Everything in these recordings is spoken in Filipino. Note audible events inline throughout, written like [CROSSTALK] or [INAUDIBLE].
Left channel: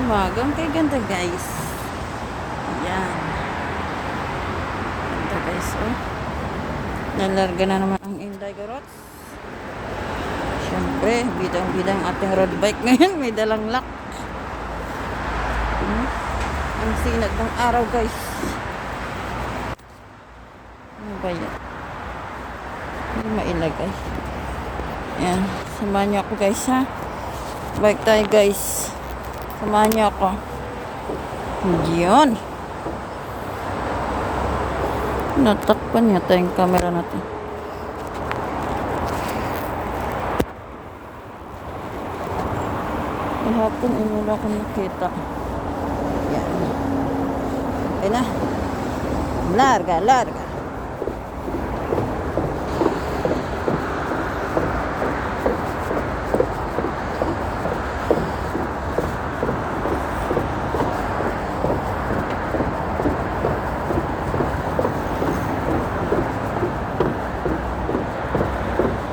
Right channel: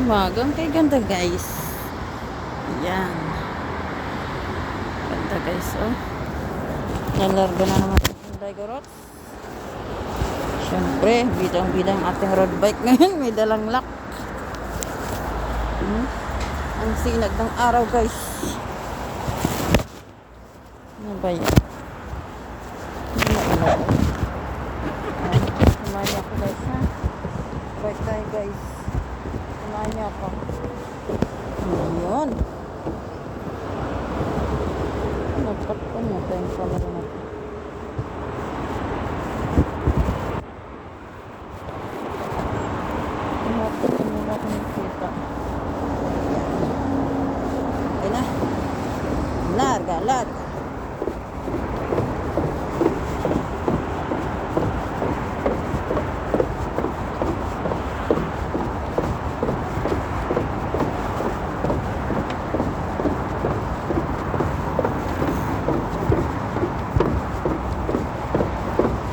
Umagang kay ganda guys. Yan. Ganda guys oh. Nalarga na naman yung Inday Garot. Siyempre, bidang-bidang ating road bike [LAUGHS] ngayon. May dalang lock. Hmm? Ang sinag ng araw guys. Ano ba yan? Hindi mailagay. Yan. Samahan niyo ako guys ha. Bike tayo guys. Samahan niyo ako. Yun. Natakpan yata yung camera natin. Ihapon ay wala ko nakita. Okay na. Larga, larga.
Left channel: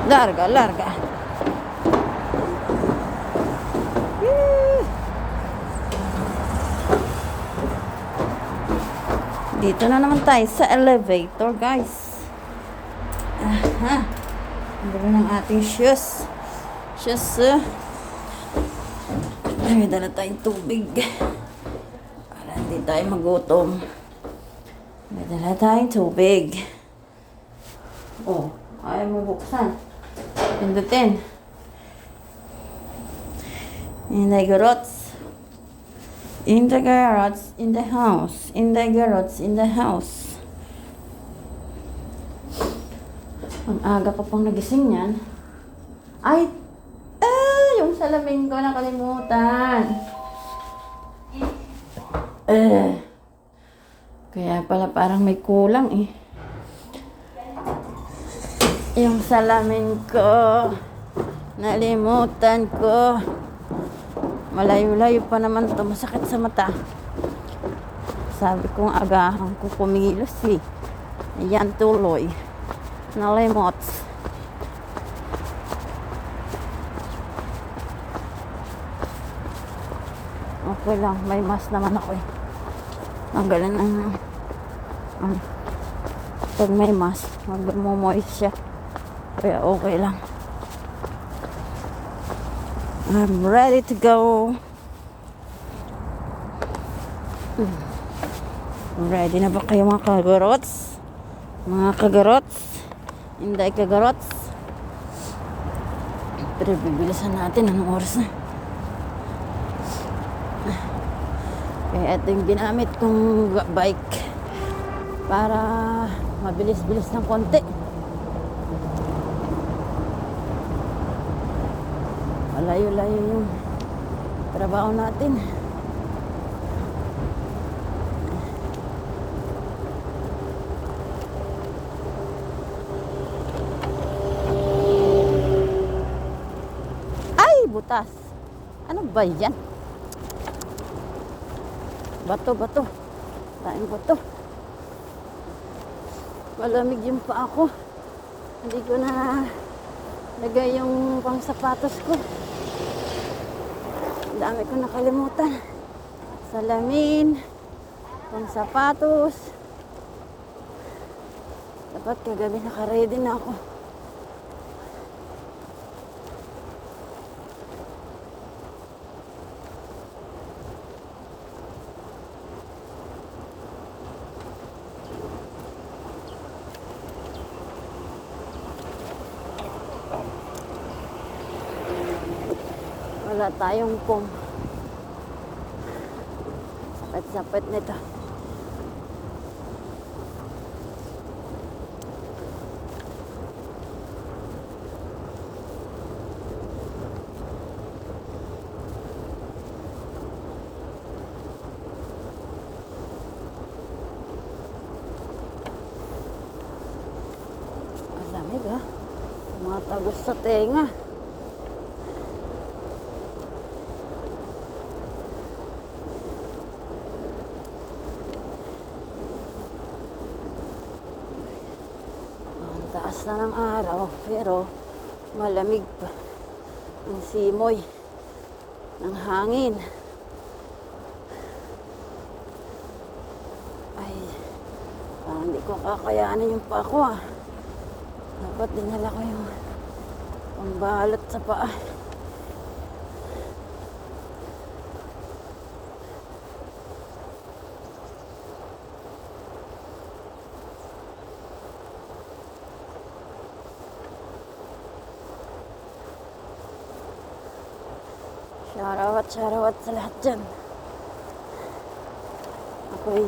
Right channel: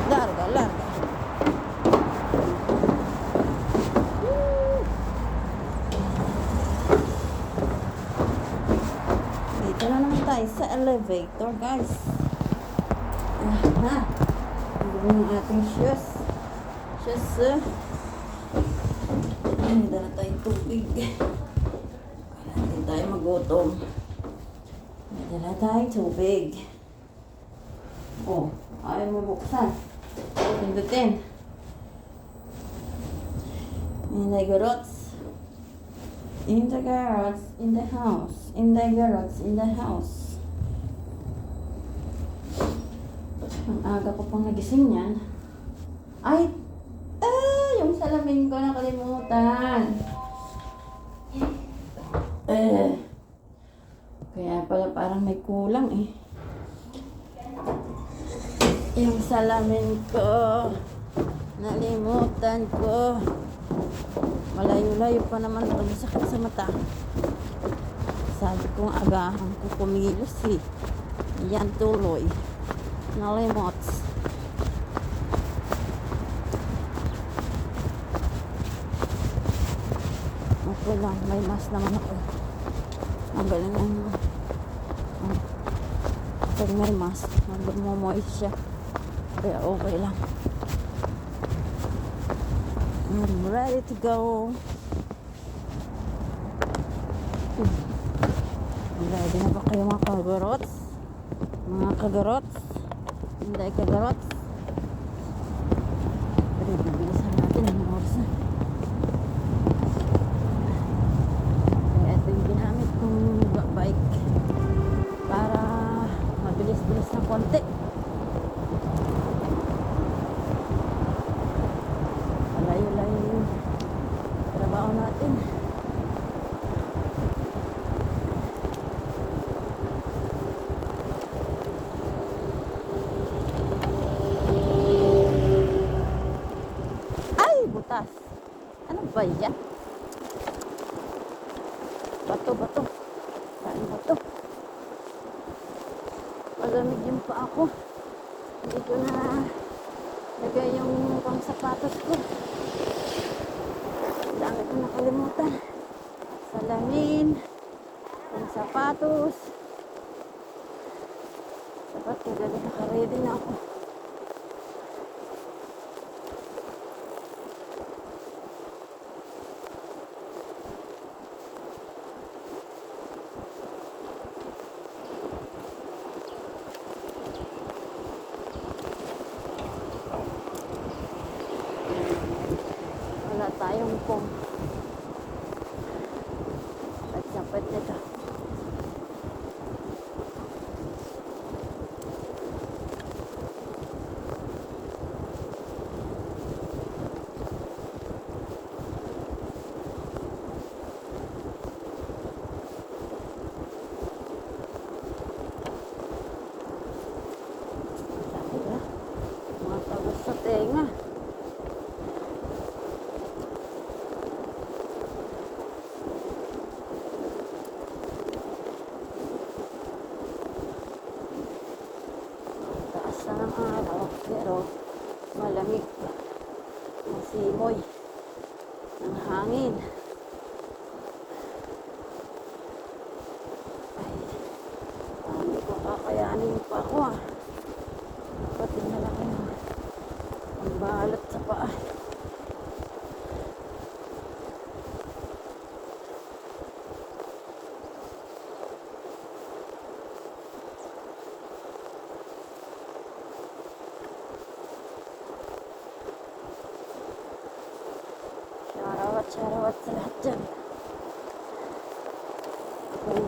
Larga, larga. Dito na naman tayo sa elevator, guys. Aha. Ang ng ating shoes. Shoes, uh. Ay, dala tayong tubig. Para hindi tayo magutom. May dala tayong tubig. Oh, ayaw mo buksan. Pindutin. In the garage. In the garage, in the house. In the garage, in the house. Ang aga pa pang nagising yan. Ay! Ah! Yung salamin ko nakalimutan. Eh. Kaya pala parang may kulang eh. Yung salamin ko. Nalimutan ko. Malayo-layo pa naman to. Masakit sa mata. Sabi kong agahan ko kumilos eh. Yan tuloy. Nalimot. Okay lang. May mask naman ako eh. Ang galing ng... Ano, pag may mask, magmumoist siya. Kaya okay lang. I'm ready to go. Ready na ba kayo mga kagarots? Mga kagarots? Hindi kagarots? Pero bibilisan natin. Anong oras na? Kaya ito yung ginamit kong bike para mabilis-bilis ng konti. Malayo-layo yung trabaho natin. Ay, butas. Ano ba yan? Bato, bato. Tayo bato. Malamig yung pa ako. Hindi ko na lagay yung pang sapatos ko. Dami ko nakalimutan. Salamin, pang sapatos. Dapat kagabi nakaready na ako. Wala tayong kum. At sapit nito. Tagos sa tenga. simoy ng hangin. Ay, ah, hindi ko kakayanin yung pa ko ah. Dapat tingnan ako yung balat sa paa. Dyan. Ako'y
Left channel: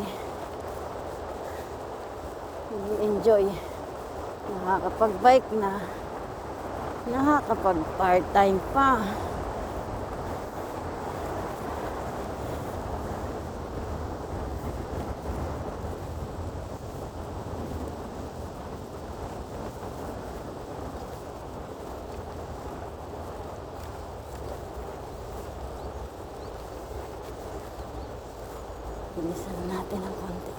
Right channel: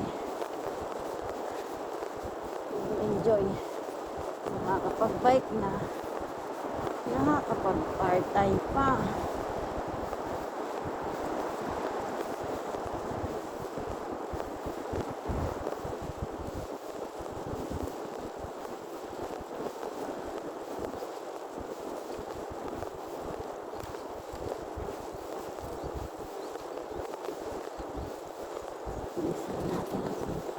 enjoy. Nakakapag-bike na. Nakakapag-part-time pa bilisan natin ang konti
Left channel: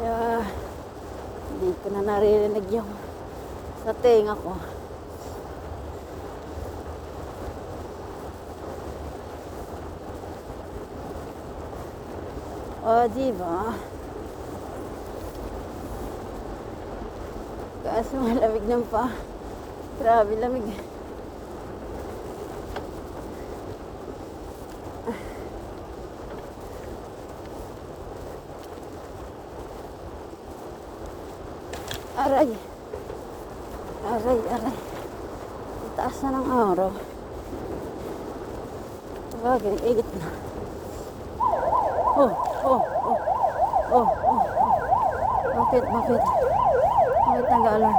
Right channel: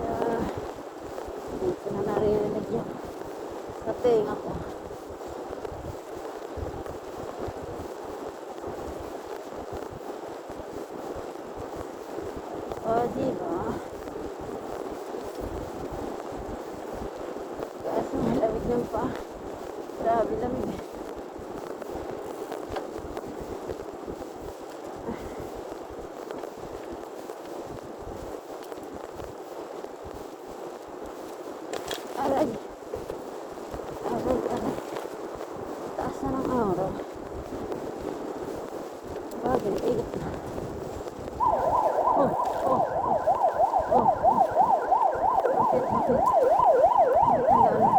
Kaya, hindi ko na naririnig yung [LAUGHS] sa tenga ko. O, di ba? Kaso malamig ng pa. Grabe lamig. Aray. Taas na ng araw. Bagay, edit na. Oh, oh, oh. Oh, oh. Bakit, bakit? Bakit nag-alarm?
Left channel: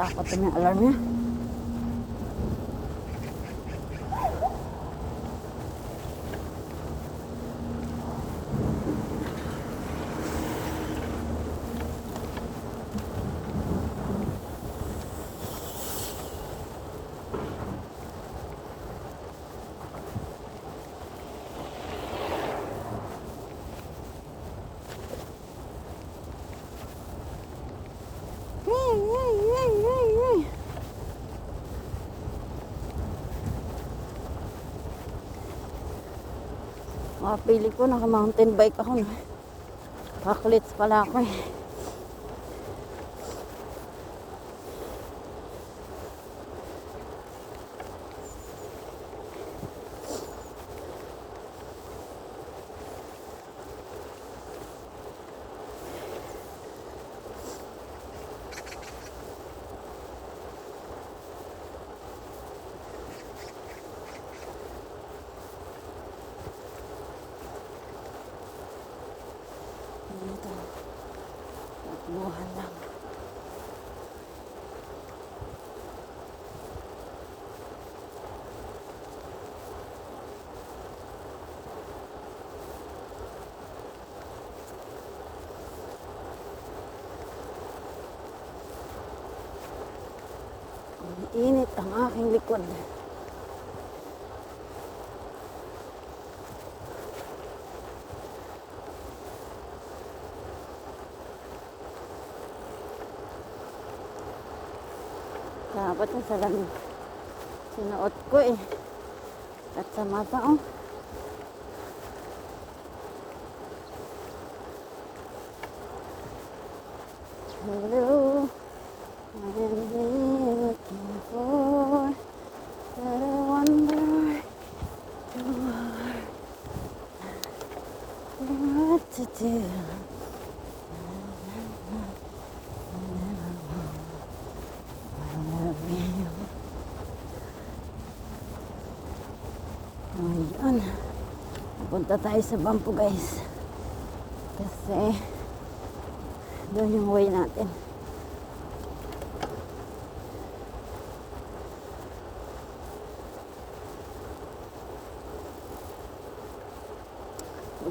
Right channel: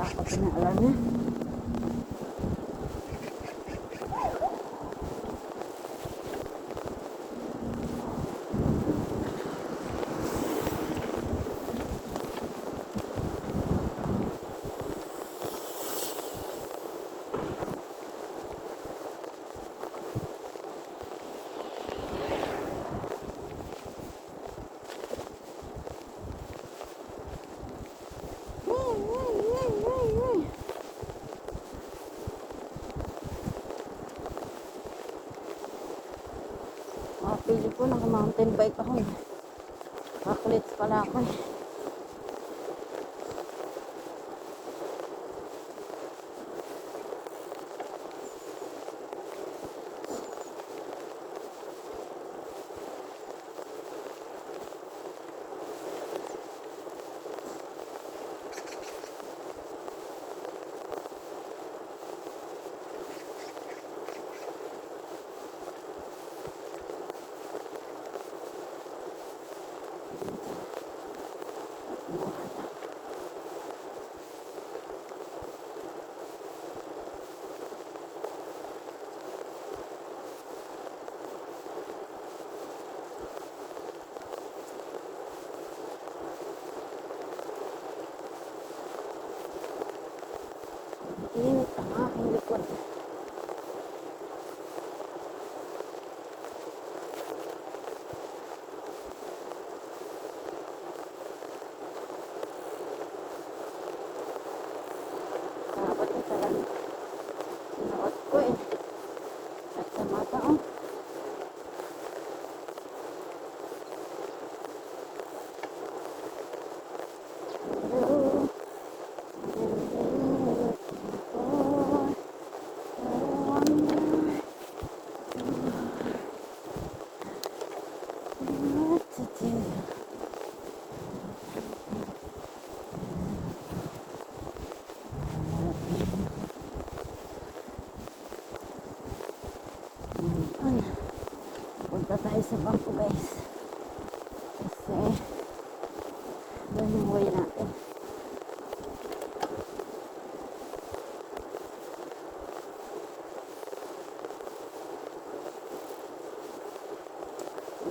Takot na alarm niya. Mapili ko, naka-mountain bike ako. Nakaklits pala ako eh. Dito. Kuha lang. Init ang aking likod. Dapat yung sa rin. Sinuot ko eh. At sa mata oh. Hello. What am I looking for? I wonder what to do. Ngayon, punta tayo sa bangko guys. Kasi, doon yung way natin.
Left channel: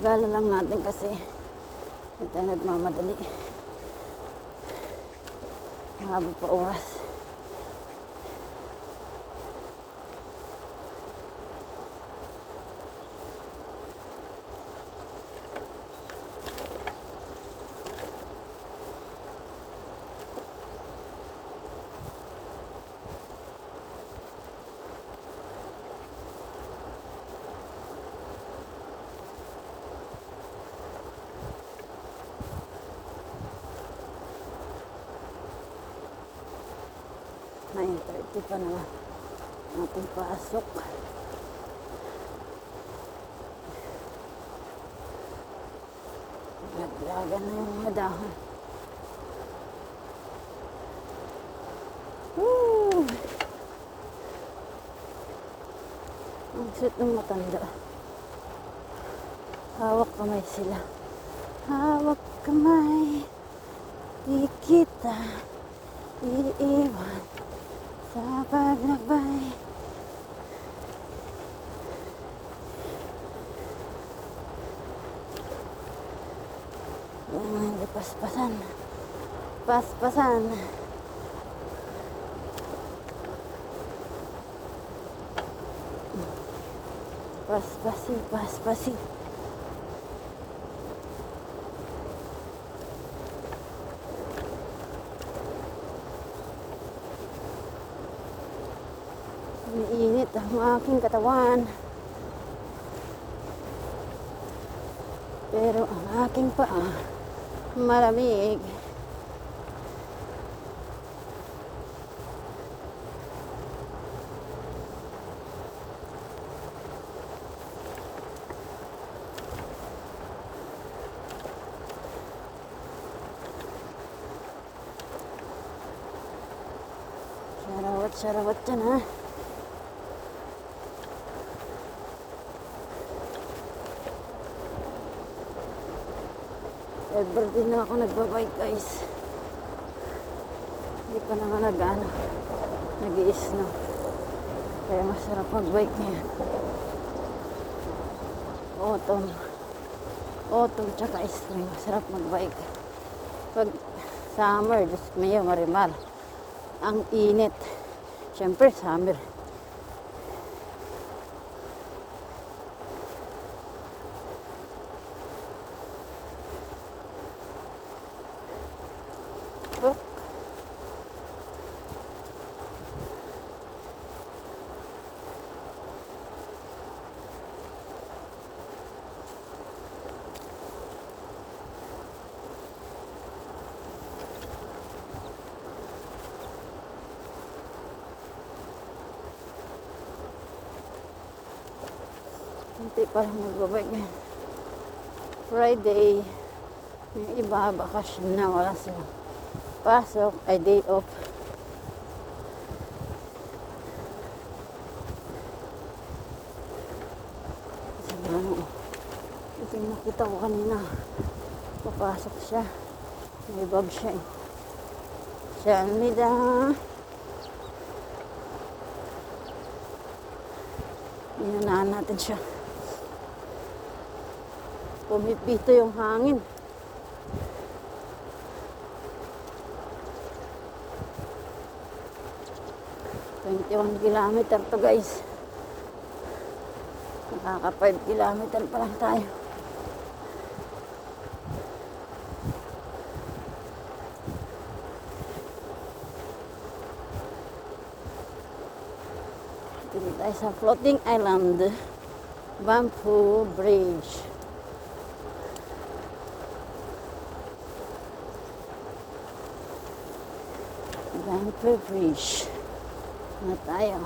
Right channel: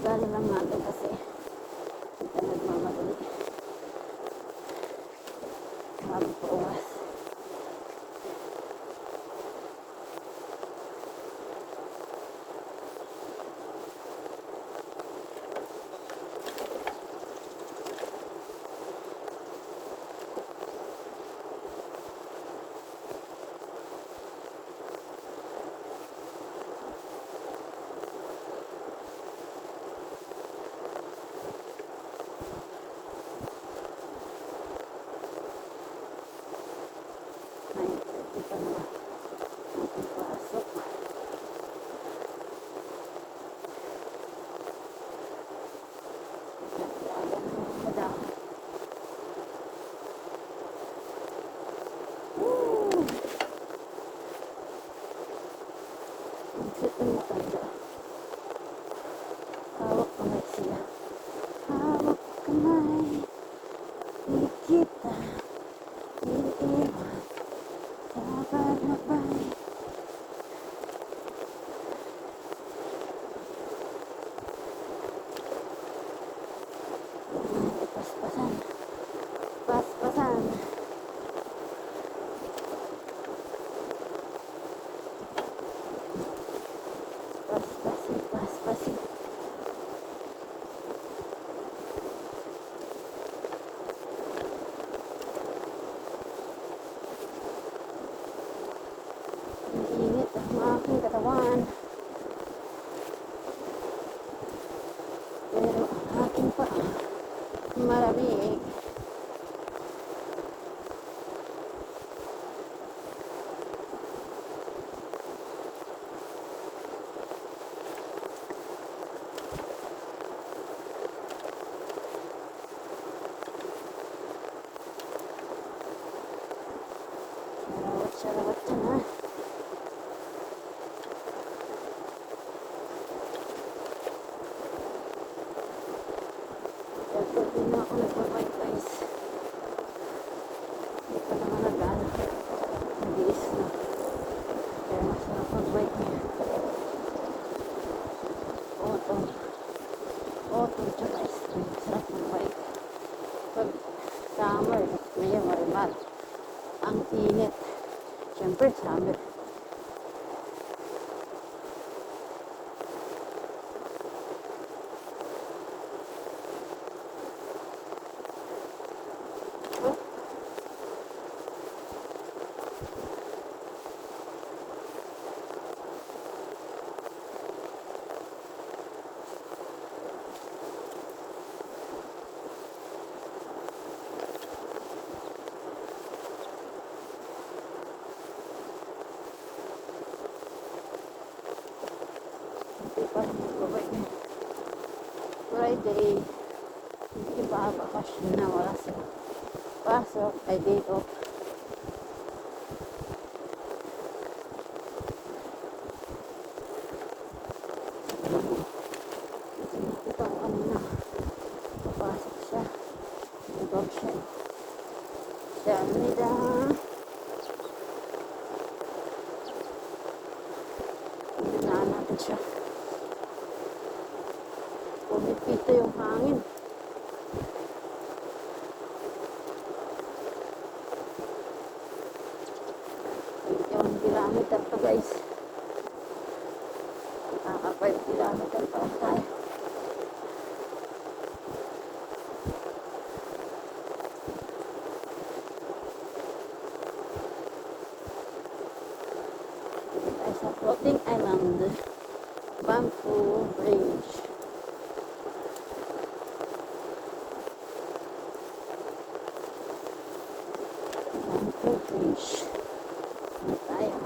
Gala lang natin kasi ito nagmamadali. Marami pa oras. Ito naman. Ating pasok. Nagdagan na yung mga dahon. Ang sit ng matanda. Init ang aking katawan. Pero ang akin pa malamig. Sarawat, sarawat dyan ha. Ever din na ako nagba-white ice. Hindi pa naman nag-ano. Nag-iis na. Kaya masarap mag-white ngayon. Autumn. Autumn tsaka spring. Masarap mag-white. Pag summer, ko ngayon, marimal. Ang init. Siyempre, summer. Oh. Hindi pa lang nag-work na. Friday. Yung iba, bakasyon na. Wala sila. Pasok ay day off. Ito nakita ko kanina. Papasok siya. May bag siya. Siya, Almida. Inanaan natin siya. Pumipito yung hangin. Twenty-one kilometer to guys. Nakaka 5 kilometer pa lang tayo. Dito tayo sa floating island. Bamboo Bridge. Bridge. Na tayo.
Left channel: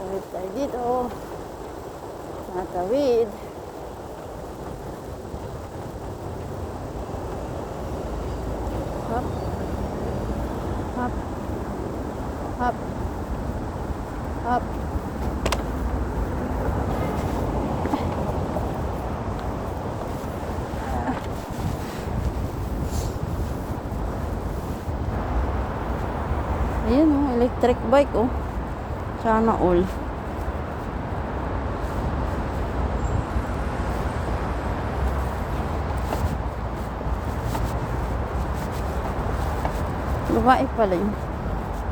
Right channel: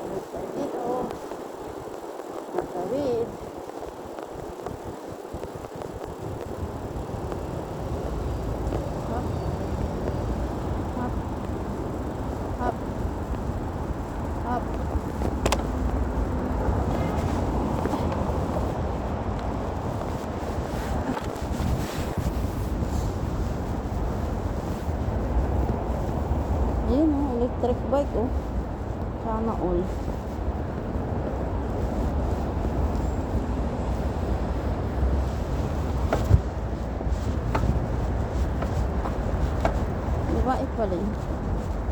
Meron tayo dito. Natawid. Hop. Hop. Hop. Hop. Ayan, oh, electric bike, oh. Sana all. Babae pala yun.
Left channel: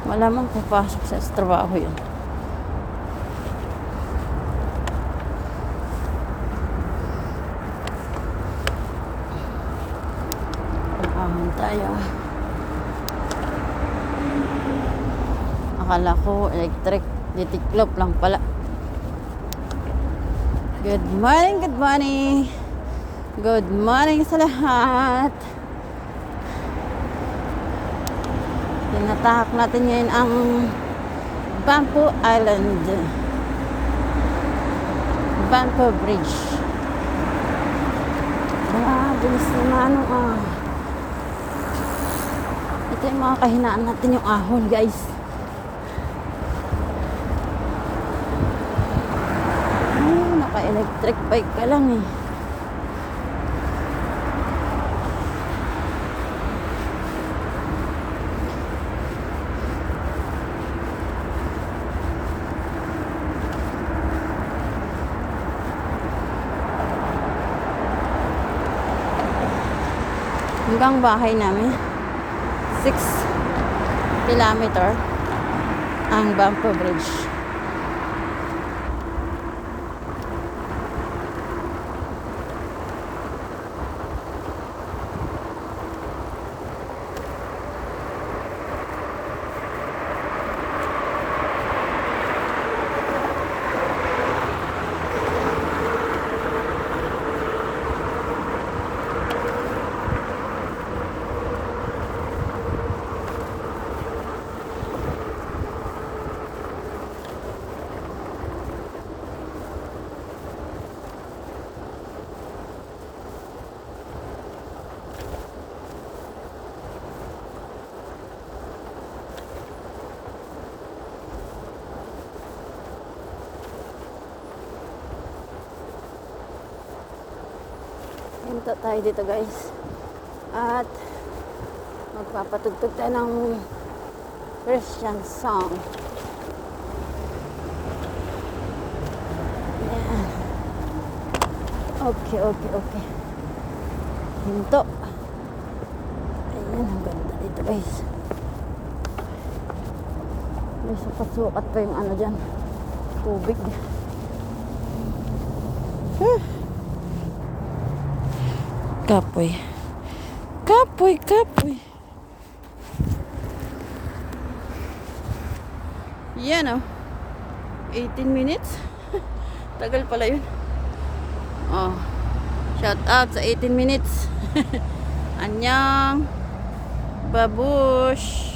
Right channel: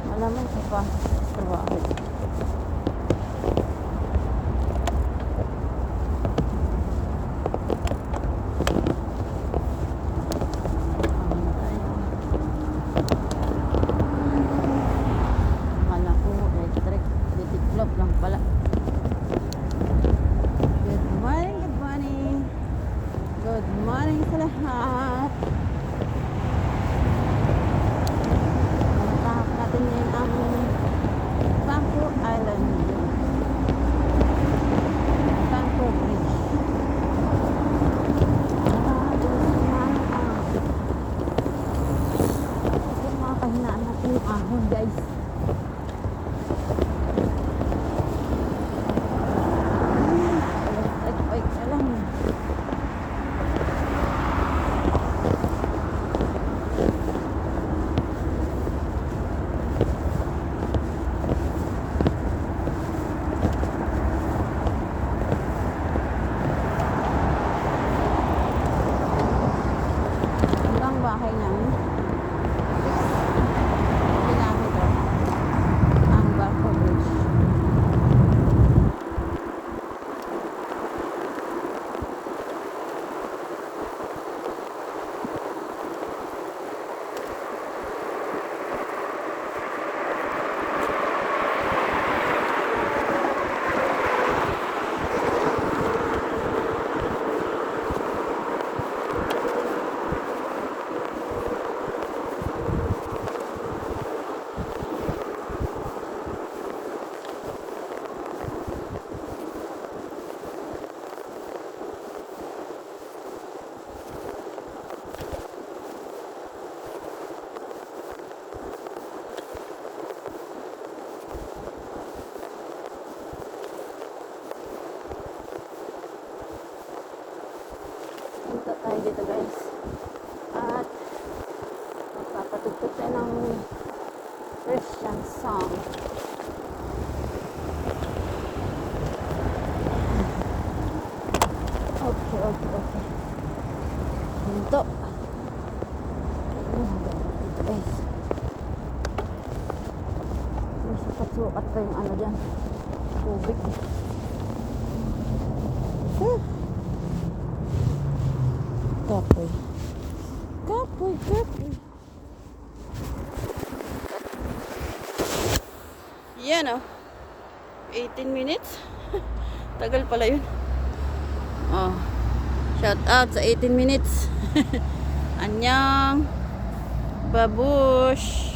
Malamang papasok sa trabaho yun. Tiklop lang pala. Good morning, good morning. Good morning sa lahat. Tinatahak natin ngayon ang Bangko Island. Bangko Bridge. Ah, bilis na ano ah. Ito yung mga kahinaan natin yung ahon guys. Hmm, naka-electric bike pa lang eh. hanggang bahay namin 6 kilometer ang Bangko Bridge Punta tayo dito guys. At magpapatugtog tayo ng Christian song. Ayan. okay okay okay. Hinto ayun ang ganda dito guys. May sukat-sukat pa yung ano dyan. Tubig. Huh. Kapoy. Kapoy, kapoy. Yan oh. 18 minutes. [LAUGHS] Tagal pala yun. Oh. Shout out sa 18 minutes. [LAUGHS] Anyang. Babush.